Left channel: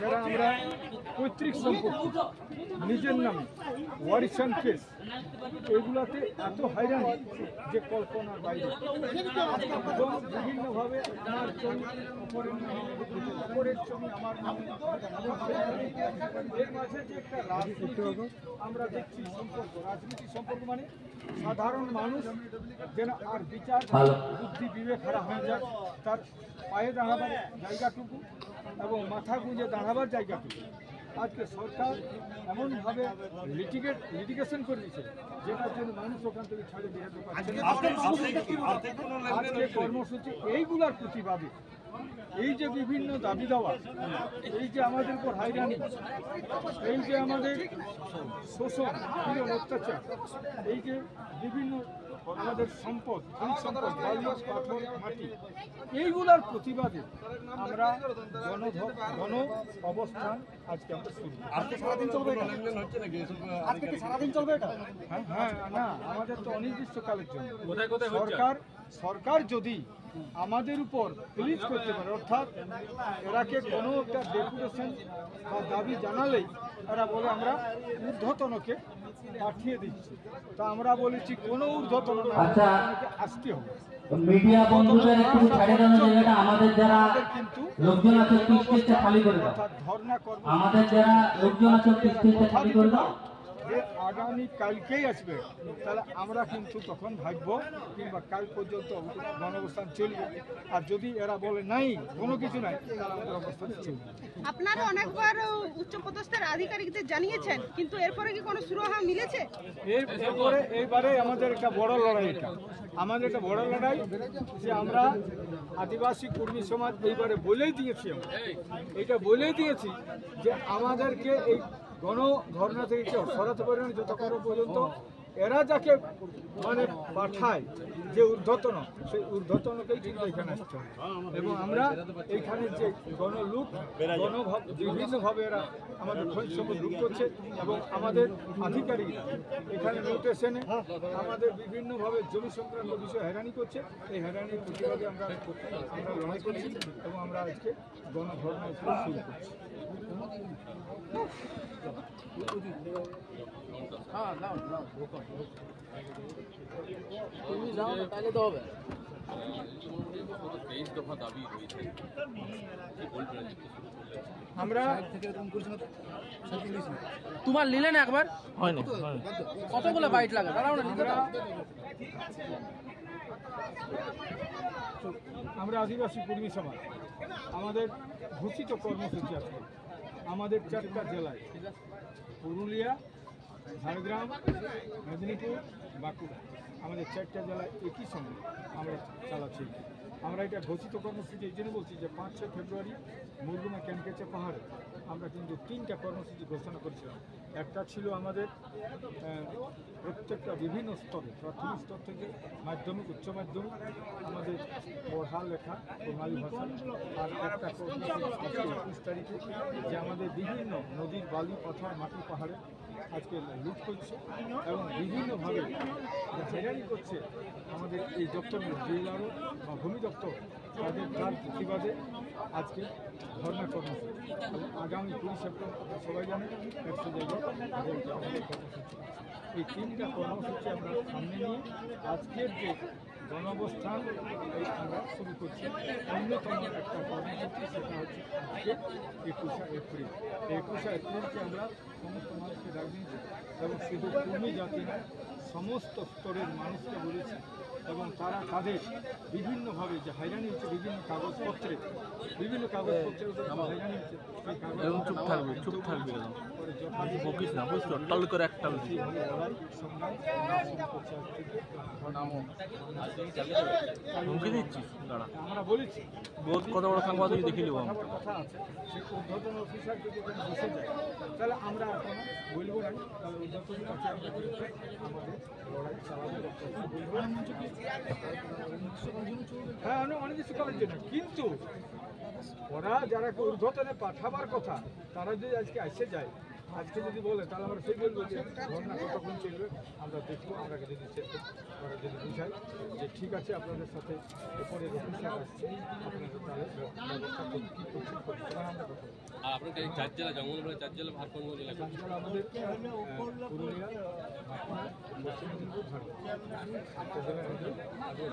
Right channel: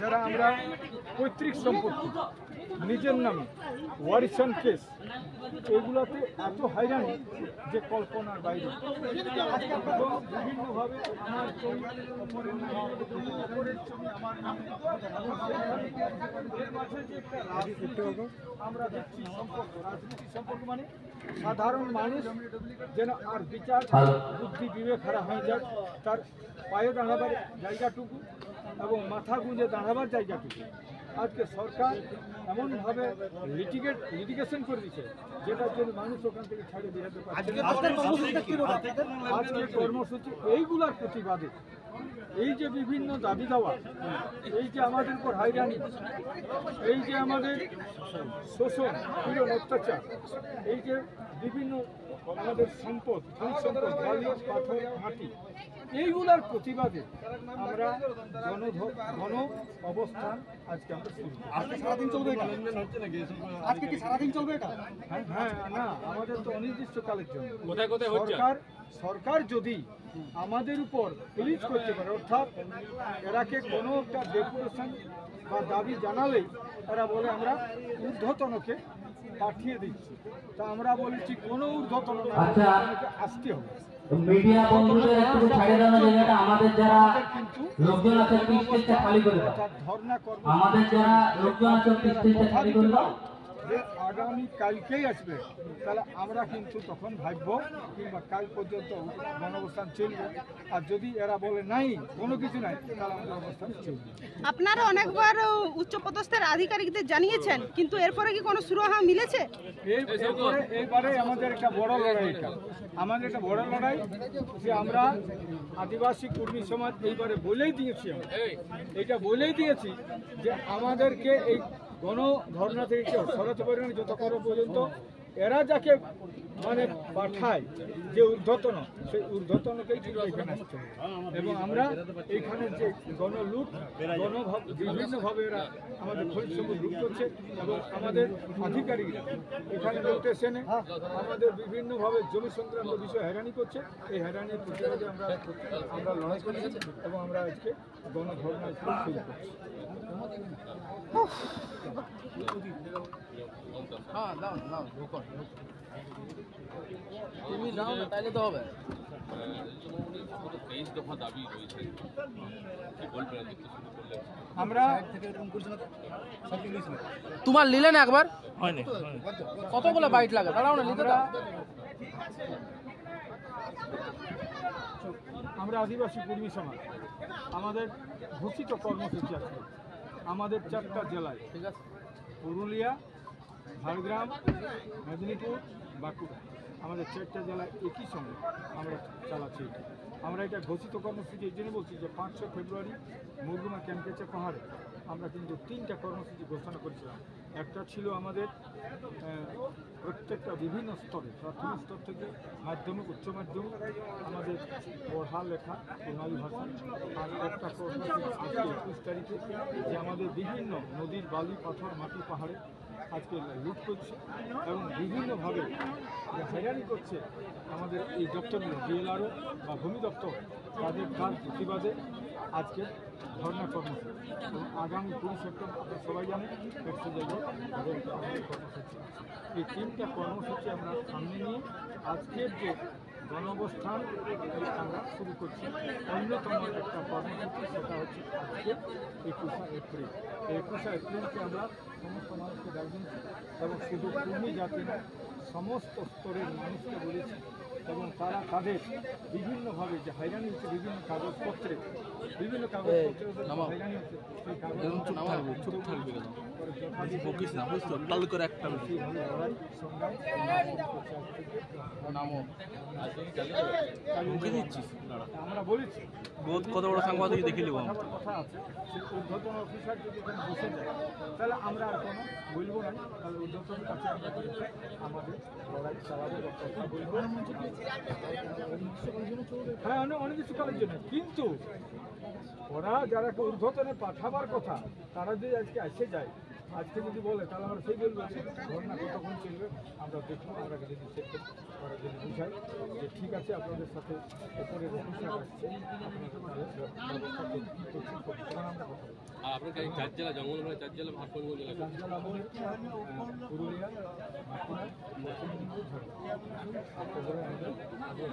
যারা আমরা পৈতৃক সম্পত্তি নিজের নামে ওয়ারিশান কেস এগুলাতে এত হয়রানি যে কল্পনার বাইরে। এবং বিভিন্নভাবে আমার ছবি অপরের নামে, অপরের ছবি আমার নামে, এর মাঝে যে একটা রাজনীতি আমরা দেখছি সম্পর্ক, রাজনীতি সম্পর্ক মানে সাধারণ মানুষ যেন আর বিচার বুদ্ধি বিবেক হারা হয়ে যায়, তার পায়ে দাঁড়াবার জায়গাটুকু এবং মাথা গুঁজে দাঁড়াবার জায়গাটুকু আজকে সরকার এমনভাবে লিটিগেশন করে দিচ্ছে যেটার জন্য মানুষ ওখান থেকে ছাড়ে বেরোতে পারছে না। আজকে কর্মসূচি এইগুলার প্রতিবাদে এই যে বিভিন্ন দাবি দেওয়া, এই যে আমাদের উপর হয়রানি, এই যে আমাদের শোষণ, পীড়ন, অত্যাচার, এই যে বিভিন্ন আমাদের সম্পদ, খনিজ সম্পদ, বালি, পাথর, মাটি, এইগুলার প্রতিবাদে আমরা গণ অবস্থান আজকে আমরা শুরু করি। সারাদিন চলবে এটা? হ্যাঁ, না, আমাদের তো অনির্দিষ্টকালের জন্য। সরকার যদি আমাদের উপর প্লিজ করতে পারে, অর্থাৎ এরাকে কোনো একটা ডেপুটেশন বা দাবি জানালেই এরা বলে আমরা ঊর্ধ্বতনকে পাঠিয়ে দিচ্ছি, তা আমরা বলেছি কোনো ঊর্ধ্বতন না, আসতে হবে। মিডিয়া বন্ধুদের একটু ছাড়ে দেওয়ার জন্য আমাদের যারা লোকজন আছে স্টেজটা খালি করে দাও। ধর্ণা কর্ম আমাদের যারা লোকজন আছে স্টেজটা খালি করে দাও। যে আগামী কালকেই আসবে, তাহলে আমরা কিন্তু তখন ভাববো কিংবা কাল পর্যন্ত গণঅবস্থান চলবে। আর যদি এরা বলে নাই কোনো কিছু নাই, তাহলে আমাদের অবস্থান চলবে। আপনারা অনেকবার উচ্চপদস্থের আধিকারিকদের জানিয়েছেন, কিন্তু এরপরে কি কোনো সুরাহা মিলেছে? এরপরে এইবারে আমাদের একটা বড় লড়াই, আমাদের একটা বড় লড়াই যে আমরা আদিবাসী কর্মী সমাজ এইবারে বলেই দিয়েছি, এইটা বলেই দিয়েছি যে আমাদেরকে এই গণধর্ণা থেকে কেউ সরাতে পারে না যতক্ষণ পর্যন্ত এরা যাকে মানে পাঠায় যে ঊর্ধ্বতন, সেই ঊর্ধ্বতনকেই কিন্তু এখানে আসতে হবে। এবং আমরা এইখানে যে গণলুট, বিভিন্নভাবে এরা আমাদের খনিজ সম্পদ লুট করছে এবং আমাদের আধিকারিকরা এখানে নোটেশনে আমাদের বিভিন্নভাবে জমি সংক্রান্ত বিষয়ে হয়রানি করছে। এই হয়রানির প্রতিবাদে আমরা লড়াই করছি এবং আমরা আজকে গণধর্ণা শুরু করছি। আমরা তোমার নিলেন একবার হয়নি, কতগুলো বাইট লাগে? আমরা আদিবাসী কর্মী সমাজ, আমাদের ঘোষিত কর্মসূচি আছে আমাদের 4টা জেলায়, পুরুলিয়া, ঝাড়গ্রাম, মেদিনীপুর, বাঁকুড়া, আমাদের 4টা জেলায় একই সঙ্গে আমরা চালাচ্ছি। আমরা এটা ঘোষিত কর্মসূচি এই জন্য বলছি যে 5-6 ফেব্রুয়ারি মুরগুমা ক্যানকেচা পাহাড়ে আমরা কিন্তু 3টা কর্মসূচি ঘোষণা করেছিলাম। একটা ছিল আমাদের প্রত্যেকটা বিভিন্ন স্তরে, প্রাথমিক স্তর থেকে মাধ্যমিক, উচ্চ মাধ্যমিক, আমাদের পড়া লেখা বাঙালি ভাষায়। আর একটা কর্মসূচি আজকে 21 তারিখে যে আমাদের বিভিন্ন নদীর বালি, পাথর, মাটি, পাহাড়ে আজকে লুট করছে এবং বিভিন্নভাবে হয়রানি করছে আমাদের এই দপ্তরগুলো, বিএলআরও বা ভূমি দপ্তর, তার প্রতিবাদে আজকে ধর্ণা কর্মসূচি। এবং আগামী 20 সেপ্টেম্বর আপনারা সবাই জানেন 100 জায়গায় আমাদের কর্মসূচি। এই 3টা কর্মসূচি আমরা সামনে নিয়ে আজকের যে গণঅবস্থান আমরা শুরু করছি। অন্যতম একটা কর্মসূচি সেটা হচ্ছে আজকে 21শে এপ্রিল। 21শে এপ্রিলকে আমরা সমস্ত মানুষকে ডাক দিয়েছি এবং শুধু কর্মী জাতি নয়, সমস্ত স্তরের মানুষকে বলেছি এবং তারা তাদের বিভিন্নভাবে যে হয়রানি হচ্ছে বিভিন্ন কাগজপত্রে হয়রানি হচ্ছে সেই কাগজ চুপ থাকবে আমরা বলেছি কত বড় সাংবাদিক দেখে নিব কথা আছে। সেই ঊর্ধ্বতন অফিসার যদি এখানে বসে যায় তাহলে আমরা আর কোনো বলবো না, তাহলে ঊর্ধ্বতন কাছে আমরা আমাদের লড়াই চালাবো বা কথা বলবো। হ্যাঁ, অনির্দিষ্টকালের জন্য। কিন্তু ওরা যারা ঊর্ধ্বতনে পাঠাবার কথা তারা যদি আজকে এসে যায়, আজকে যদি বলে তাহলে আমরা সেই বলবো যে ধর্ণা কতক্ষণ চলবে আমরা দেখবো। আমরা যদি ওরা যদি বুঝাই যে ঠিক আছে আপনাদের সাথে ওপরের অফিসার আসছে, আপনারা তাহলে ব্যবস্থা কী করছেন, তখন আমরা কথা বলবো। আর আপনার এই 4 জেলা জঙ্গলমহলে 4 জেলা ভাগ কোন কোন জেলা? রাজ্যপাল আমাদের পুরুলিয়া, বাঁকুড়া, পশ্চিম মেদিনীপুর, ঝাড়গ্রাম। একটা ধরে আমাদের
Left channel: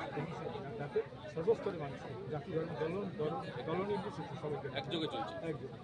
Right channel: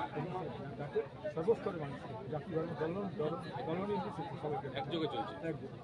যাতে সর্বস্তরের মানুষকে জাতি ধর্ম দল নির্বিশেষে সবাইকে একযোগে চলছে। একযোগে